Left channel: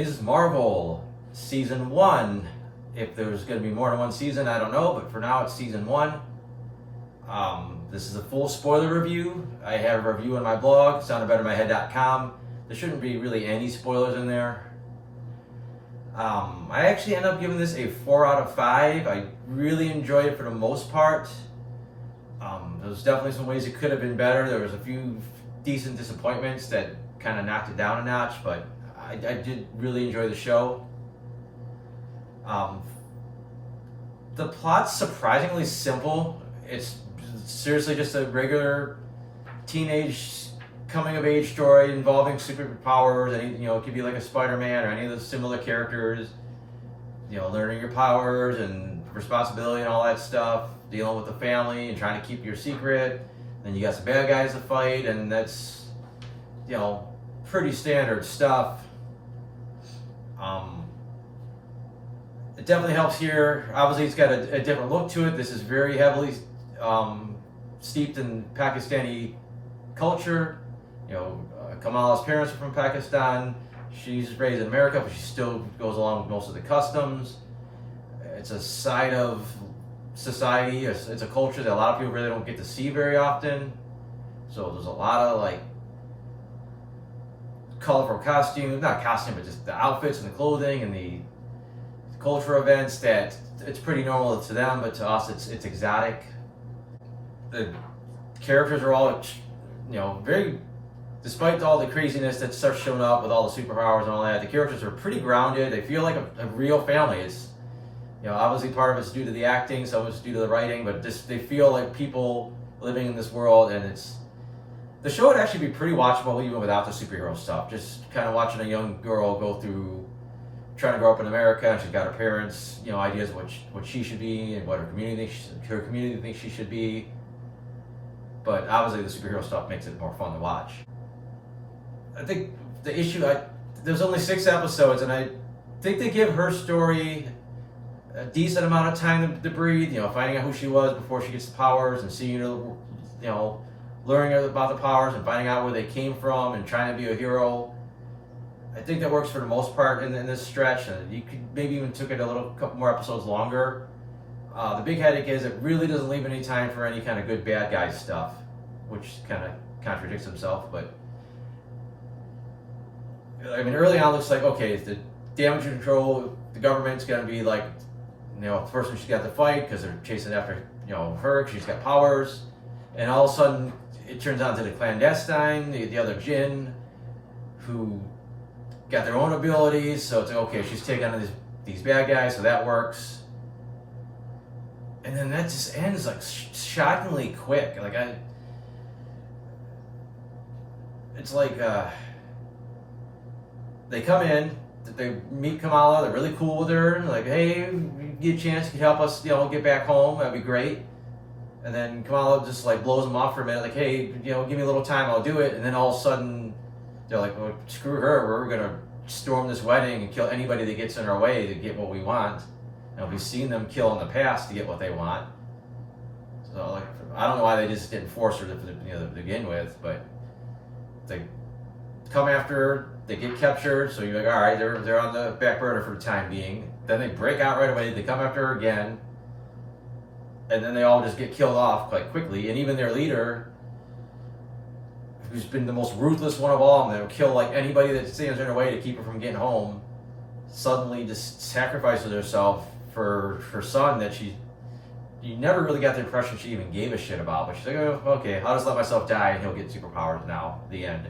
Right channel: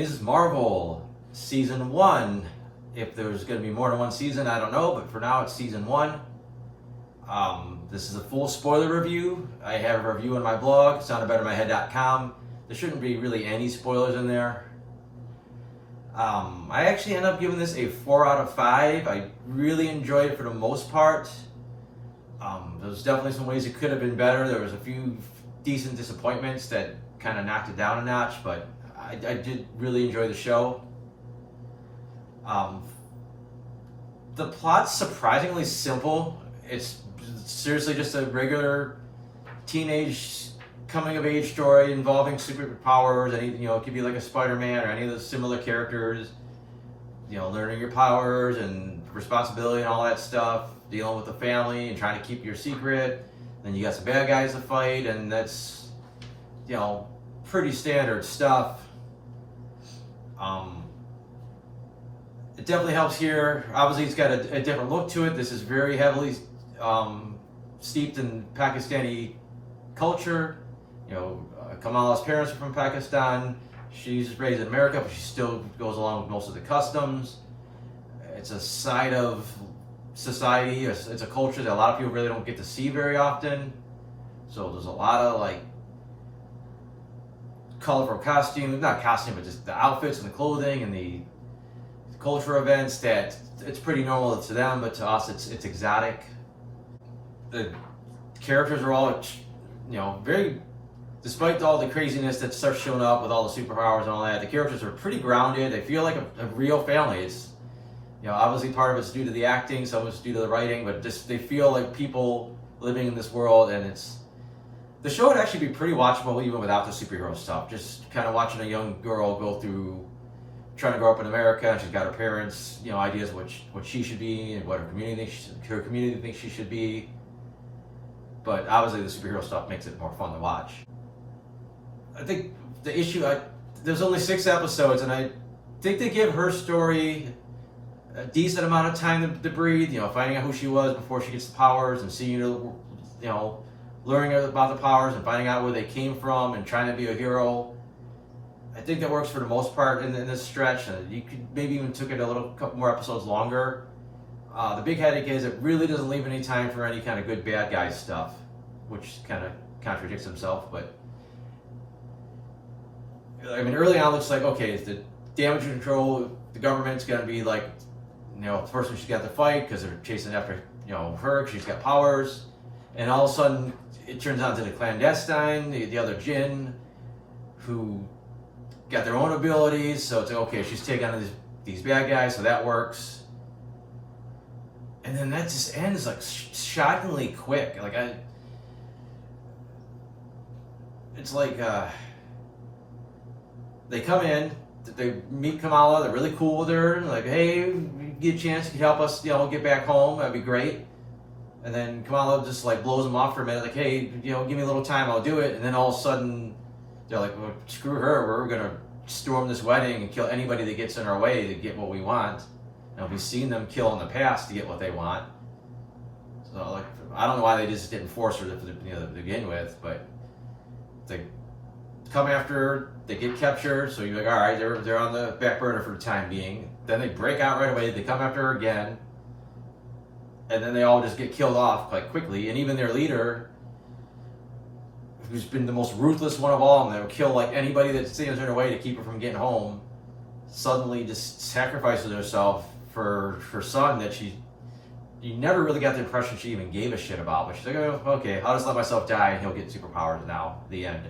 Ms. Marvel Season 1. If there's going to be more than one season, I don't know, but for now it's Season 1. This is a full spoiler review. I have a review on my blog, soundedbettermyhead.com. There shouldn't be really any spoilers in there. I actually ended up giving this a 4 out of 5. I really enjoyed it for the most part. There's definitely some ways it could have been better. There was a few decent disappointments that kind of knocked it down a notch, but I did really enjoy the show. The plot's surprisingly simple. It's seriously just a regular teenage coming of age story involving superpowers. It could be like a Spider-Man or any of those similar characters. Learning your powers and responsibility and all that stuff. Dealing with the family and trying to keep your secret. Then you got some bad guys to fight, and that's pretty standard stuff. It definitely helps here. Obviously, it's got a different look to it. This is very heavily steeped in Pakistani culture. Kamala's parents are from Pakistan. She's raised in America, but she still goes along with most of the customs. It's a side of society. It's a culture that a lot of people really don't get to see very often. So there's a lot of colorful but just the outfits and the clothing and the culture events that it's pretty normal to them, but to us it's exotic. The characters are all very, despite all the craziness that starts showing up with all the superpowers and all that, the characters are pretty grounded. They feel like a real family. It's obviously part of it's due to the acting, some of it's due to the writing, but just they feel like people living in this world, and the show would actually be pretty watchable even without the superhero stuff. Just kind of watching a young girl go through trying to grow up in America. She's got her parents, ideas of what she should be and what her community thinks she should be. But obviously the superhero stuff makes it more fun to watch. I think the issue, there's only 6 episodes, and I think they give her story a decent amount of time to breathe, finding out who she was before she gets the powers and seeing her, learning about the powers and finding out where they came from and trying to be a hero. I think that works for the most part in this stretch, and you could maybe even took it couple more episodes longer. The big headache is it really doesn't leave any time for any kind of good bad guy stuff, which kind of contradicts himself. But early on it looks like, okay, the damage control, the government's going to be the person she's got to fight because they're chasing after her. She's got powers, and all of a sudden it turns out to the clandestine, the other Jinn, who got their own abilities. So it's okay, she's taking on these bad guys, so that works. And then that just ends shockingly quick. It's like they come in, they meet Kamala, they're really cool with her, hey, you get a chance, you can help us, get back home, that'd be great. And then Kamala just blows them off for a minute, hey, give me a little time, I'll do it. And then all of a sudden, they're like, well, screw her, we're gonna storm this wedding and kill anybody that gets in our way to get what we want. We've seen them kill in the past to get what they want. So I don't know why they just didn't force her to begin with, but they come after her, they get captured, so you're all right, they're on the back burner for the time being. Then they break out right away, they come after her again, and then they all just get killed off quite quickly. And even their leader, who's been the most ruthless one of all of them, kill anybody that stands in her way to keep her from getting home, suddenly just sacrifices herself for her son that you never really got the impression she even gave a shit about. But she's like, oh, okay, I'll just let myself die and he'll get superpowers now, the end.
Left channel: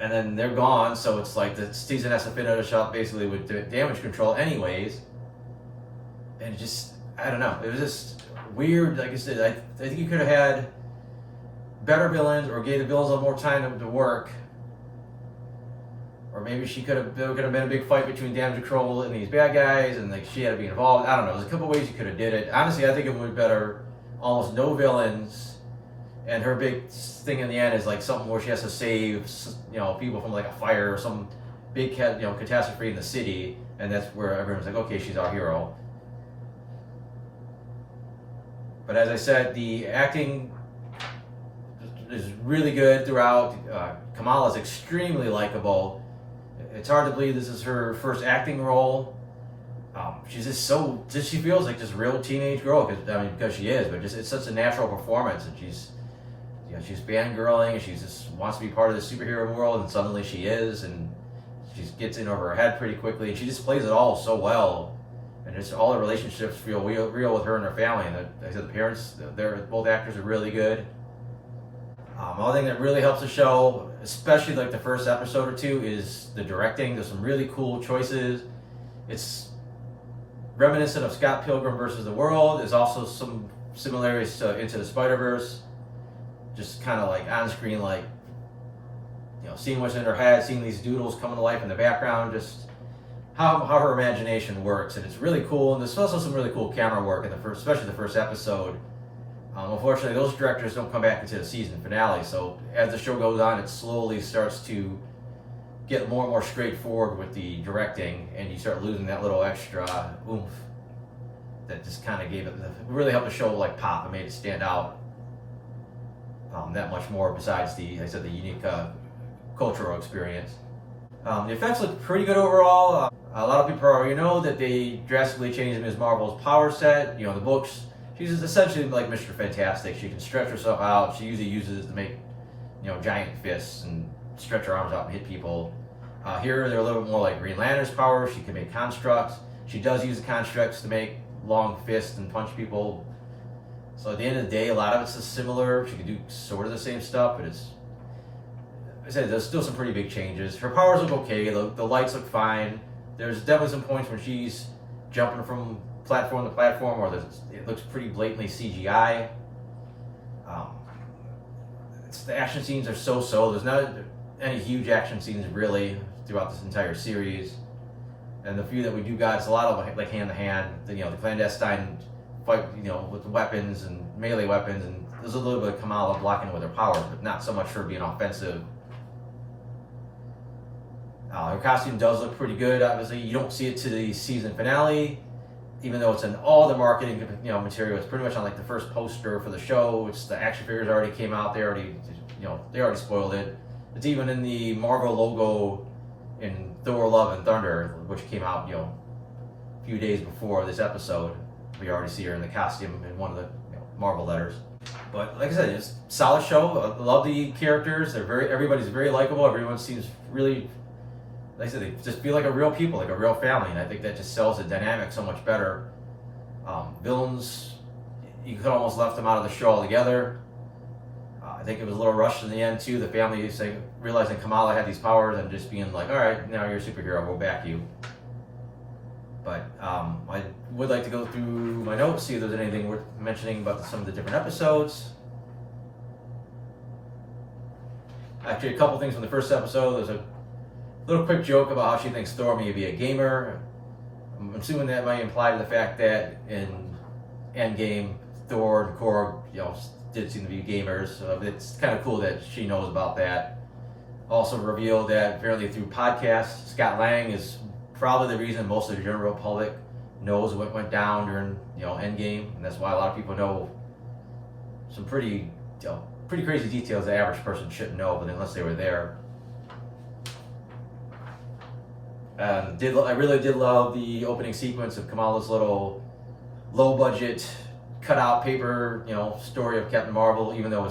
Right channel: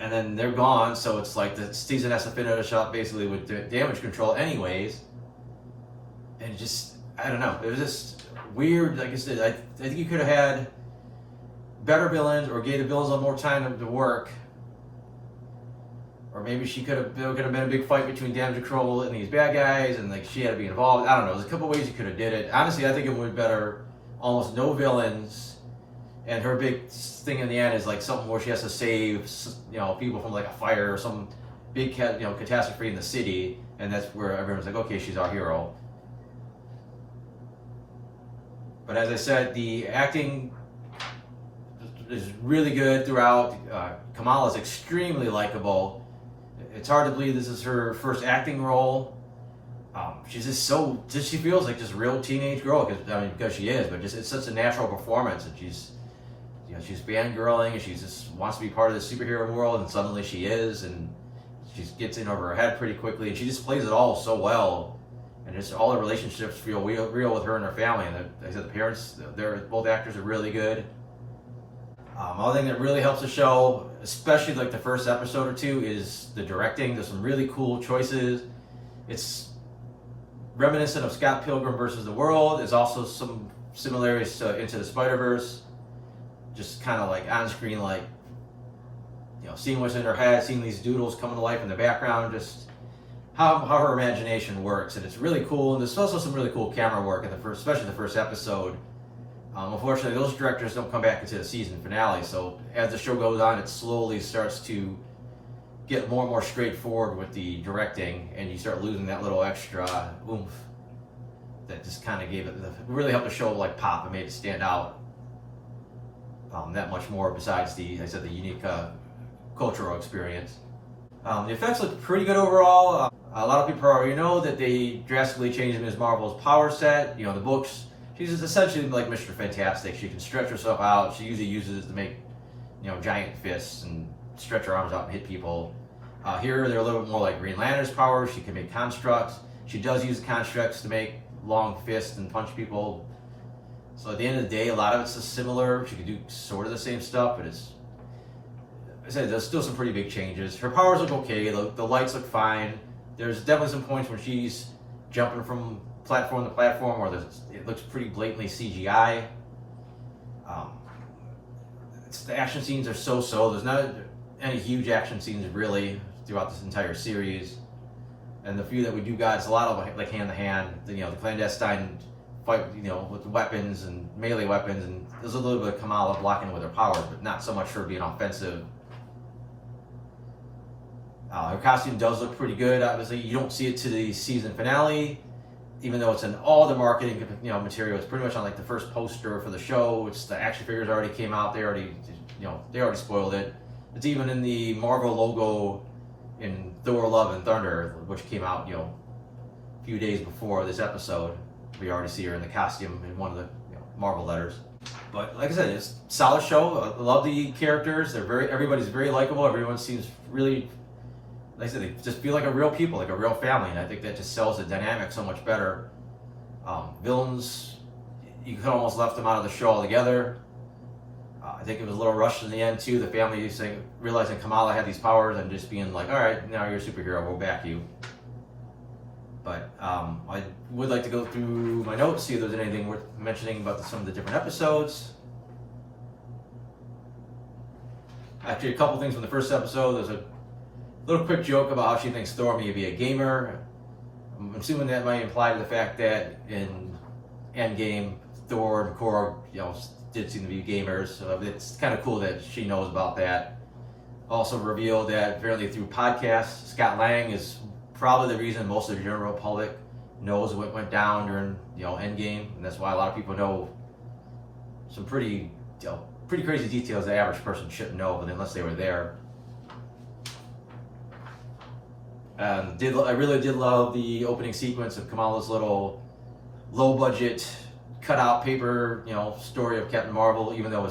And then they're gone, so it's the season has to finish up basically with damage control anyways. And I don't know, it was just weird. Like I said, I think you could have had better villains, or gave the villains a little more time to work. Or maybe there could have been a big fight between damage control and these bad guys, and she had to be involved. I don't know. There's a couple ways you could have did it. Honestly, I think it would be better, almost no villains, and her big thing in the end is something where she has to save people from a fire or some big catastrophe in the city, and that's where everyone's okay, she's our hero. But as I said, the acting is really good throughout. Kamala is extremely likable. It's hard to believe this is her first acting role. She's she feels like just real teenage girl, because she is, but it's such a natural performance, and she's fangirling, and she just wants to be part of the superhero world, and suddenly she is, and she gets in over her head pretty quickly, and she just plays it all so well, and just all the relationships feel real with her and her family, and like I said, the parents, both actors are really good. Another thing that really helps the show, especially like the first episode or two, is the directing. There's some really cool choices. It's reminiscent of Scott Pilgrim versus the World. There's also some similarities to Into the Spider-Verse. Just kind of like on screen, like, seeing what's in her head, seeing these doodles coming to life in the background, just how her imagination works. And it's really cool. And there's also some really cool camera work especially the first episode. Unfortunately, those directors don't come back into the season finale. So as the show goes on, it slowly starts to get more and more straightforward with the directing, and you start losing that little extra oomph that just kind of really helped the show like pop and made it stand out that much more. Besides the unique cultural experience, the effects look pretty good overall. A lot of people already know that they drastically changed Ms. Marvel's power set. The books, she's essentially like Mr. Fantastic. She can stretch herself out. She usually uses to make giant fists and stretch her arms out and hit people. Here they're a little bit more like Green Lantern's power. She can make constructs. She does use constructs to make long fists and punch people. So at the end of the day, a lot of it's similar. She can do sort of the same stuff, but there's still some pretty big changes. Her powers look okay. The lights look fine. There's definitely some points when she's jumping from platform to platform where it looks pretty blatantly CGI. The action scenes are so. There's not any huge action scenes really throughout this entire series, and the few that we do got, it's a lot of like hand to hand. The clandestine fight, with the weapons and melee weapons, and there's a little bit of Kamala blocking with her powers, but not so much her being offensive. Her costume does look pretty good. Obviously, you don't see it to the season finale, even though it's in all the marketing material. It's pretty much on like the first poster for the show. It's the action figures already came out. They already spoiled it. It's even in the Marvel logo in Thor: Love and Thunder, which came out a few days before this episode. We already see her in the costume in one of the Marvel letters. But like I said, it's a solid show. I love the characters. Everybody's very likable. Everyone seems really, like I said, they just feel like a real people, like a real family, and I think that just sells the dynamic so much better. Villains, you could almost left them out of the show altogether. I think it was a little rushed in the end too. The family realizing Kamala had these powers and just being like, all right, now you're a superhero, we'll back you. But I would like to go through my notes, see if there's anything worth mentioning about some of the different episodes. Actually, a couple things from the first episode. There's a little quick joke about how she thinks Thor may be a gamer. I'm assuming that might imply the fact that in Endgame, Thor and Korg, did seem to be gamers. So it's kind of cool that she knows about that. Also revealed that apparently through podcasts, Scott Lang is probably the reason most of the general public knows what went down during Endgame, and that's why a lot of people know some pretty crazy details the average person shouldn't know, but unless they were there. I really did love the opening sequence of Kamala's little low-budget, cut-out paper, story of Captain Marvel. Even though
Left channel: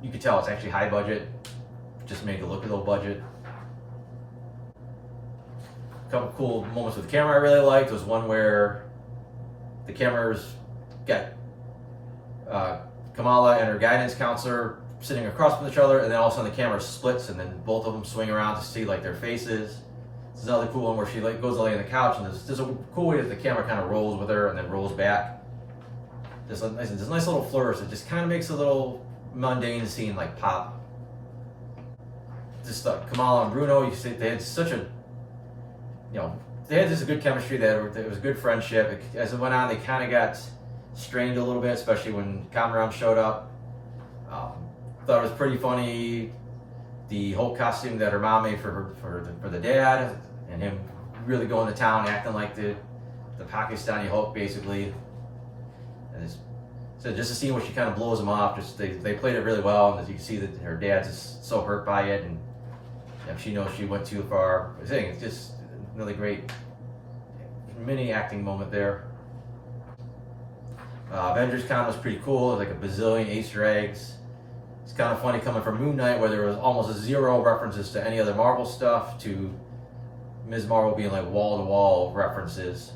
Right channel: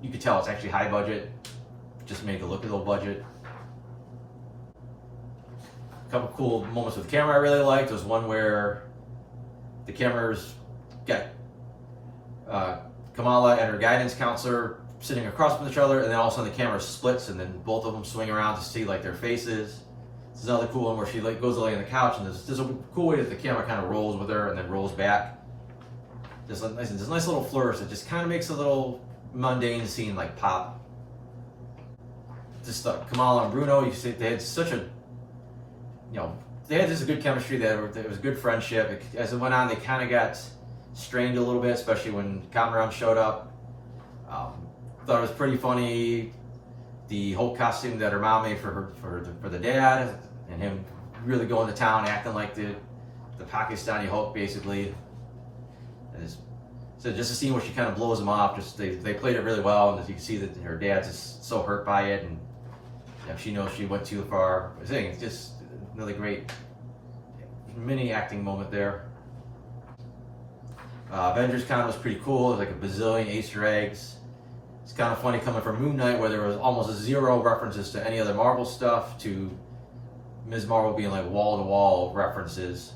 you could tell it's actually high budget, just made it look a little budget. A couple cool moments with the camera I really liked. There was one where the cameras got Kamala and her guidance counselor sitting across from each other, and then all of a sudden the camera splits, and then both of them swing around to see like their faces. This is another cool one where she goes to lay on the couch, and there's a cool way that the camera kind of rolls with her and then rolls back. There's a nice little flourish that just kind of makes a little mundane scene like pop. Just Kamala and Bruno, they had such a, they had just a good chemistry there. It was a good friendship. As it went on, they kind of got strained a little bit, especially when Kamran showed up. Thought it was pretty funny, the whole costume that her mom made for the dad, and him really going to town, acting like the Pakistani Hulk, basically. And so just a scene where she kind of blows him off. They played it really well, and as you can see that her dad's just so hurt by it, and she knows she went too far. I think it's just really great mini acting moment there. Avengers Con was pretty cool. There's like a bazillion Easter eggs. It's kind of funny coming from Moon Knight, where there was almost zero references to any other Marvel stuff, to Ms. Marvel being like wall-to-wall references.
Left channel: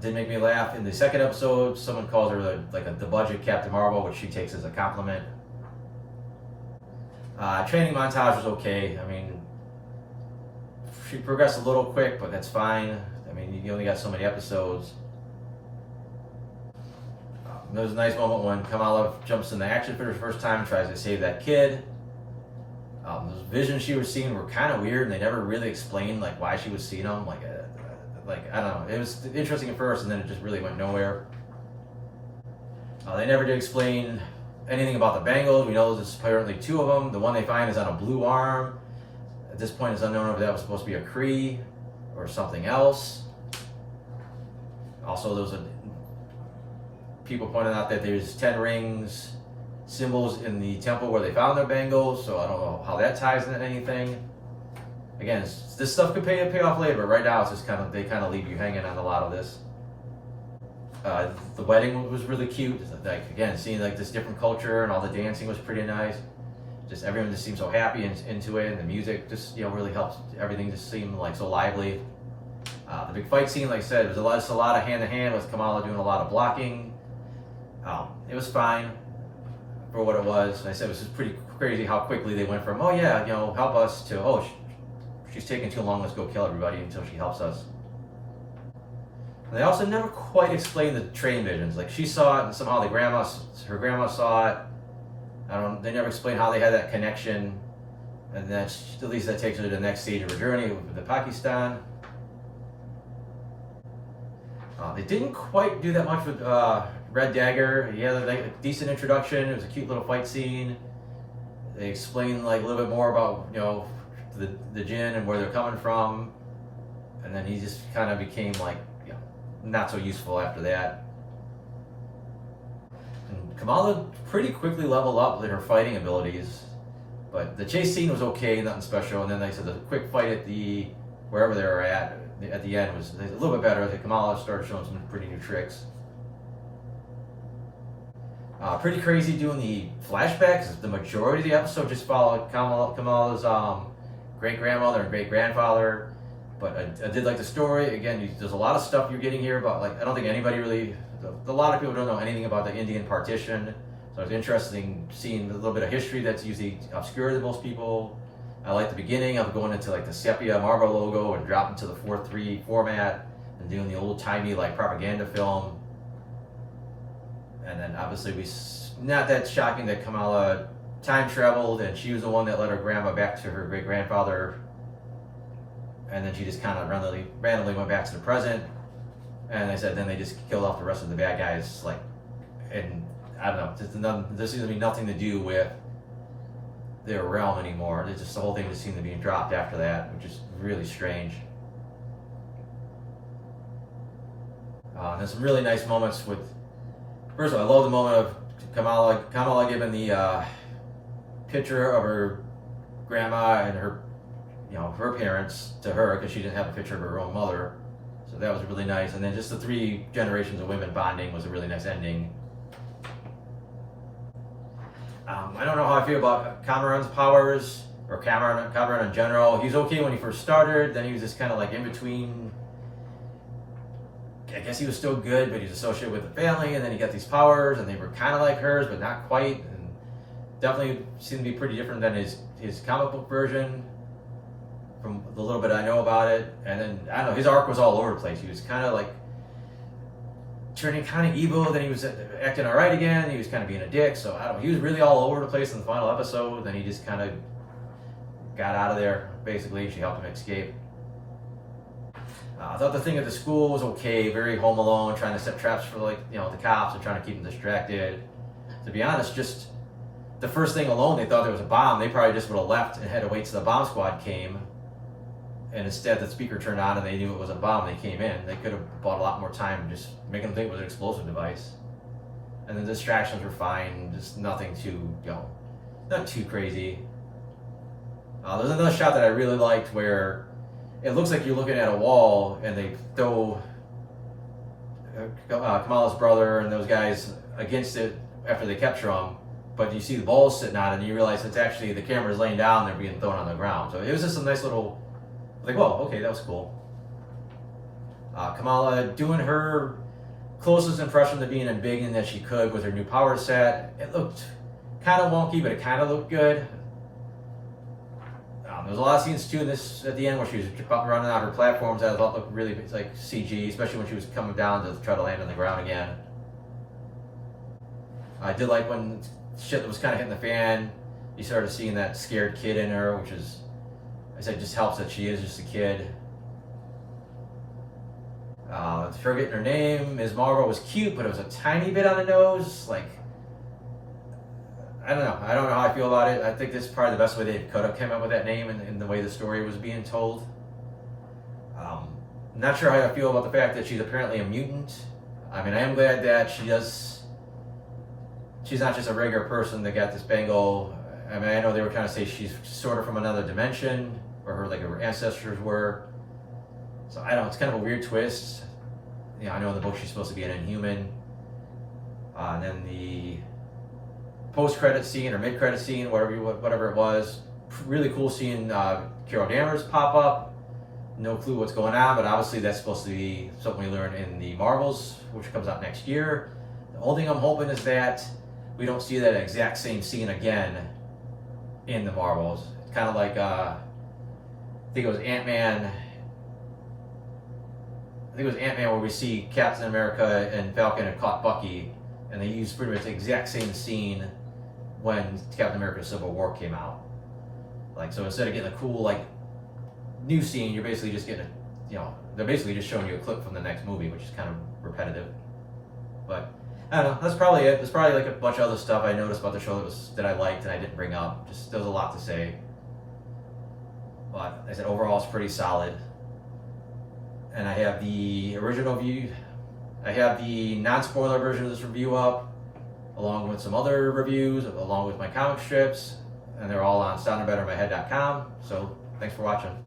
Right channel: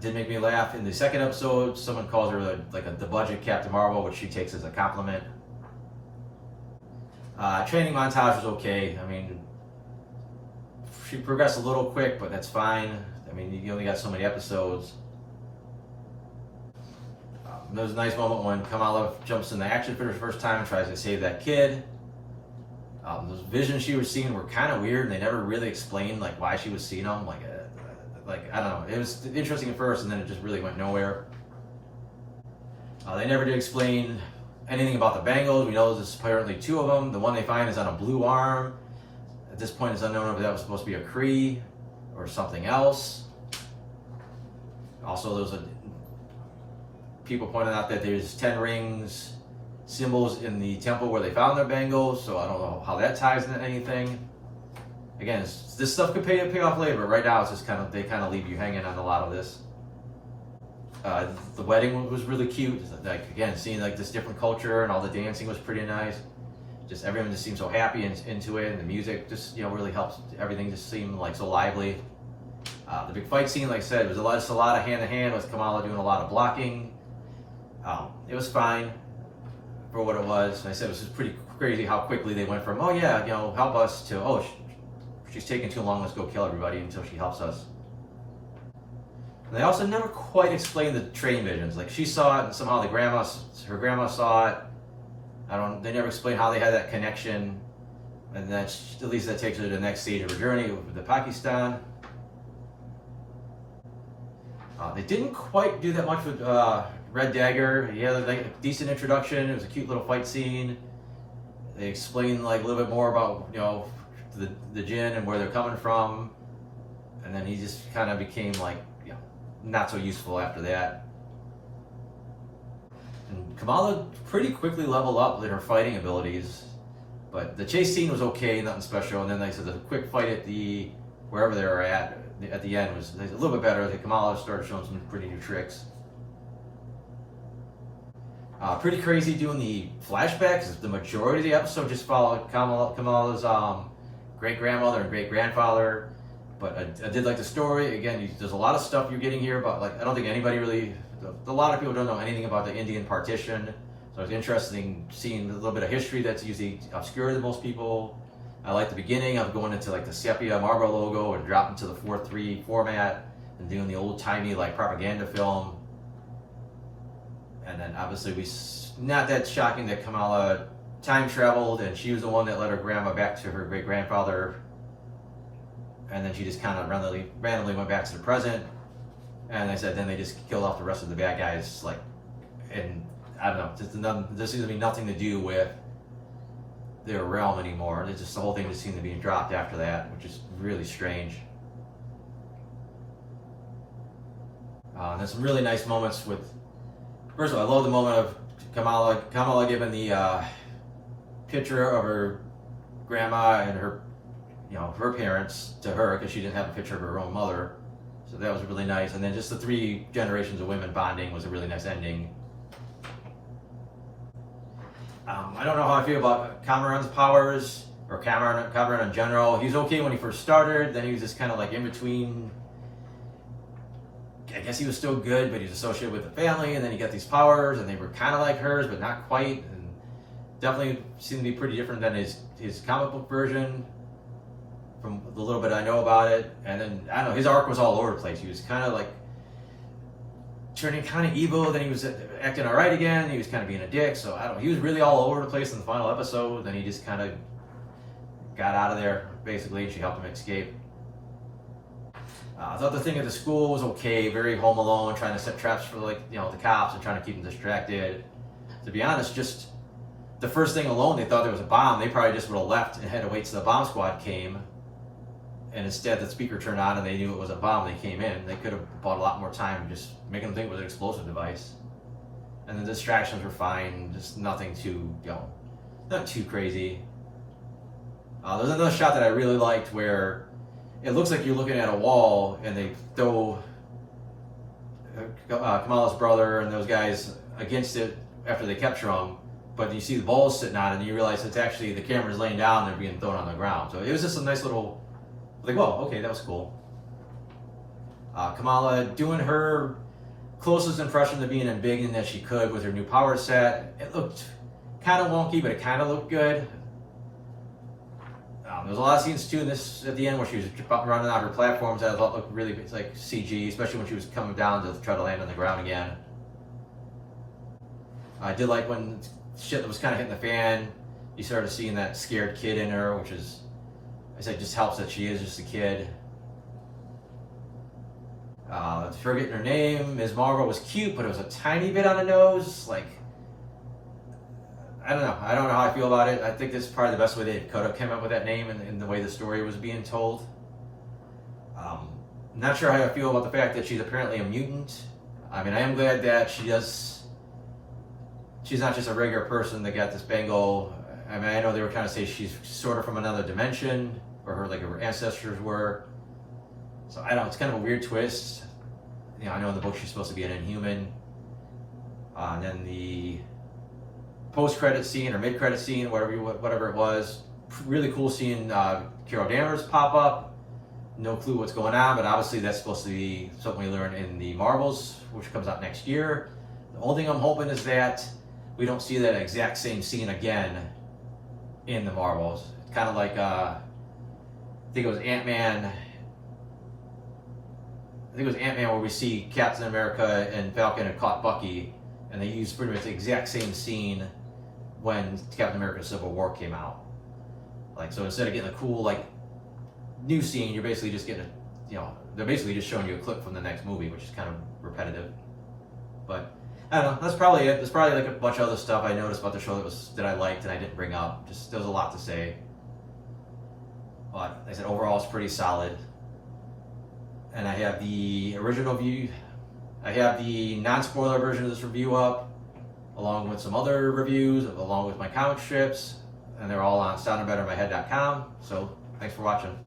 Did make me laugh. In the second episode, someone calls her like the budget Captain Marvel, which she takes as a compliment. Training montage was okay. I mean, she progressed a little quick, but that's fine. I mean, you only got so many episodes. There was a nice moment when Kamala jumps into action for the first time and tries to save that kid. Those visions she was seeing were kind of weird, and they never really explained like why she was seeing them. Like I don't know. It was interesting at first, and then it just really went nowhere. They never did explain anything about the bangles. We know there's apparently 2 of them. The one they find is on a blue arm. At this point, it's unknown if that was supposed to be a Kree or something else. Also, people pointed out that there's 10 rings, symbols in the temple where they found their bangles, so I don't know how that ties into anything. Again, this stuff could pay off later, but right now it's just they kind of leave you hanging on a lot of this. The wedding was really cute. Like again, seeing like this different culture and all the dancing was pretty nice. Just everyone just seemed so happy and into it, and the music just really helps everything just seem like so lively. The big fight scene, like I said, was just a lot of hand to hand with Kamala doing a lot of blocking. It was fine for what it was. And I said it was just pretty crazy how quickly they went from help us to she's taking too long, let's go kill everybody, until she helps us. And they also never quite explained the train visions. Like she saw it, and somehow her grandma saw it. They never explained how they had that connection, and at least that takes her to the next stage of her journey with the Pakistan. They didn't quite do that much with Red Dagger. He had a decent introduction. It was a cute little fight scene. They explained like a little bit more about the Jinn and where they're coming from, and then he just kind of became like not so useful after that. And Kamala pretty quickly leveled up in her fighting abilities, but the chase scene was okay, nothing special. And then they said the quick fight at wherever they were at the end was a little bit better. Kamala started showing some pretty new tricks. Pretty crazy doing the flashbacks. The majority of the episode just followed Kamala's great-grandmother and great-grandfather. But I did like the story. Again, there's a lot of stuff you're getting here, but I don't think anybody really, a lot of people don't know anything about the Indian partition. So it's interesting seeing a little bit of history that's usually obscure to most people. I like the beginning of going into like the sepia Marvel logo and dropping to the 4:3 format and doing the old-timey like propaganda film. And then obviously not that shocking that Kamala time traveled and she was the one that led her grandma back to her great-grandfather. And then she just kind of randomly went back to the present. And they said then they just killed off the rest of the bad guys. And I don't know, this seems to be nothing to do with their realm anymore. It's just the whole thing just seemed to be dropped after that, which is really strange. There's some really nice moments with. First of all, I love the moment of Kamala giving the picture of her grandma and her parents to her, because she didn't have a picture of her own mother. So that was really nice. And then just the 3 generations of women bonding was a really nice ending. I don't know how I feel about Cameron's powers, or Cameron in general. He was okay when he first started, then he was just kind of like in between. I guess he was still good, but he was associated with the family, and then he got these powers, and they were kind of like hers, but not quite, and definitely seemed to be pretty different than his comic book version, from the little bit I know about it. And then, I don't know, his arc was all over the place. He was kind of like turning kind of evil, then he was acting all right again, he was kind of being a dick, so I don't know, he was really all over the place in the final episode. Then he just kind of got out of there, basically. She helped him escape. I thought the thing at the school was okay, very Home Alone, trying to set traps for the cops and trying to keep them distracted. To be honest, just the first thing alone, they thought there was a bomb. They probably just would have left and had to wait till the bomb squad came. And instead the speaker turned on and they knew it was a bomb. They came in. They could have bought a lot more time just making them think it was an explosive device. And the distractions were fine, just nothing too, not too crazy. There's another shot that I really liked where it looks like you're looking at a wall and they throw Kamala's brother and those guys against it after they capture him, but you see the balls sitting on it and you realize it's actually the camera's laying down and they're being thrown on the ground. So it was just a nice little, like, whoa, okay, that was cool. Kamala doing her closest impression to being embiggened that she could with her new power set. It looked kind of wonky, but it kind of looked good. There was a lot of scenes too in this at the end where she was running out her platforms that I thought looked really like CG, especially when she was coming down to try to land on the ground again. I did like when shit was kind of hitting the fan, you started seeing that scared kid in her, which is, I said, just helps that she is just a kid. Forgetting her name, Ms. Marvel was cute, but it was a tiny bit on the nose. Like, I don't know how I feel about it. I think this is probably the best way they could have came up with that name and the way the story was being told. Not sure how I feel about the fact that she's apparently a mutant. I mean, I am glad that she's not just a regular person that got this bangle. I mean, I know they were trying to say she's sort of from another dimension, or her ancestors were. So I don't know, it's kind of a weird twist. You know, I know in the book she's supposed to be an Inhuman. And then the post-credit scene or mid-credit scene, whatever it was, really cool seeing Carol Danvers pop up. No clue what's going on, but obviously that's supposed to be something we learn in the Marvels, which comes out next year. The only thing I'm hoping is that we don't see that exact same scene again in the Marvels. It's kind of like, I think it was Ant-Man. I think it was Ant-Man where we see Captain America and Falcon had caught Bucky, and they used pretty much the exact same scene when Captain America Civil War came out. Like, so instead of getting a cool, like, new scene, you're basically just getting they're basically just showing you a clip from the next movie, which is kind of repetitive. But I don't know, that's probably it. There's probably like a bunch of other stuff I noticed about the show that I liked and I didn't bring up. Just, there was a lot to say. But like I said, overall it's pretty solid. And I have the original view, I have the non-spoiler version of this review up, along with some other reviews, along with my comic strips, and they're all on soundandbettermyhead.com. So thanks for watching.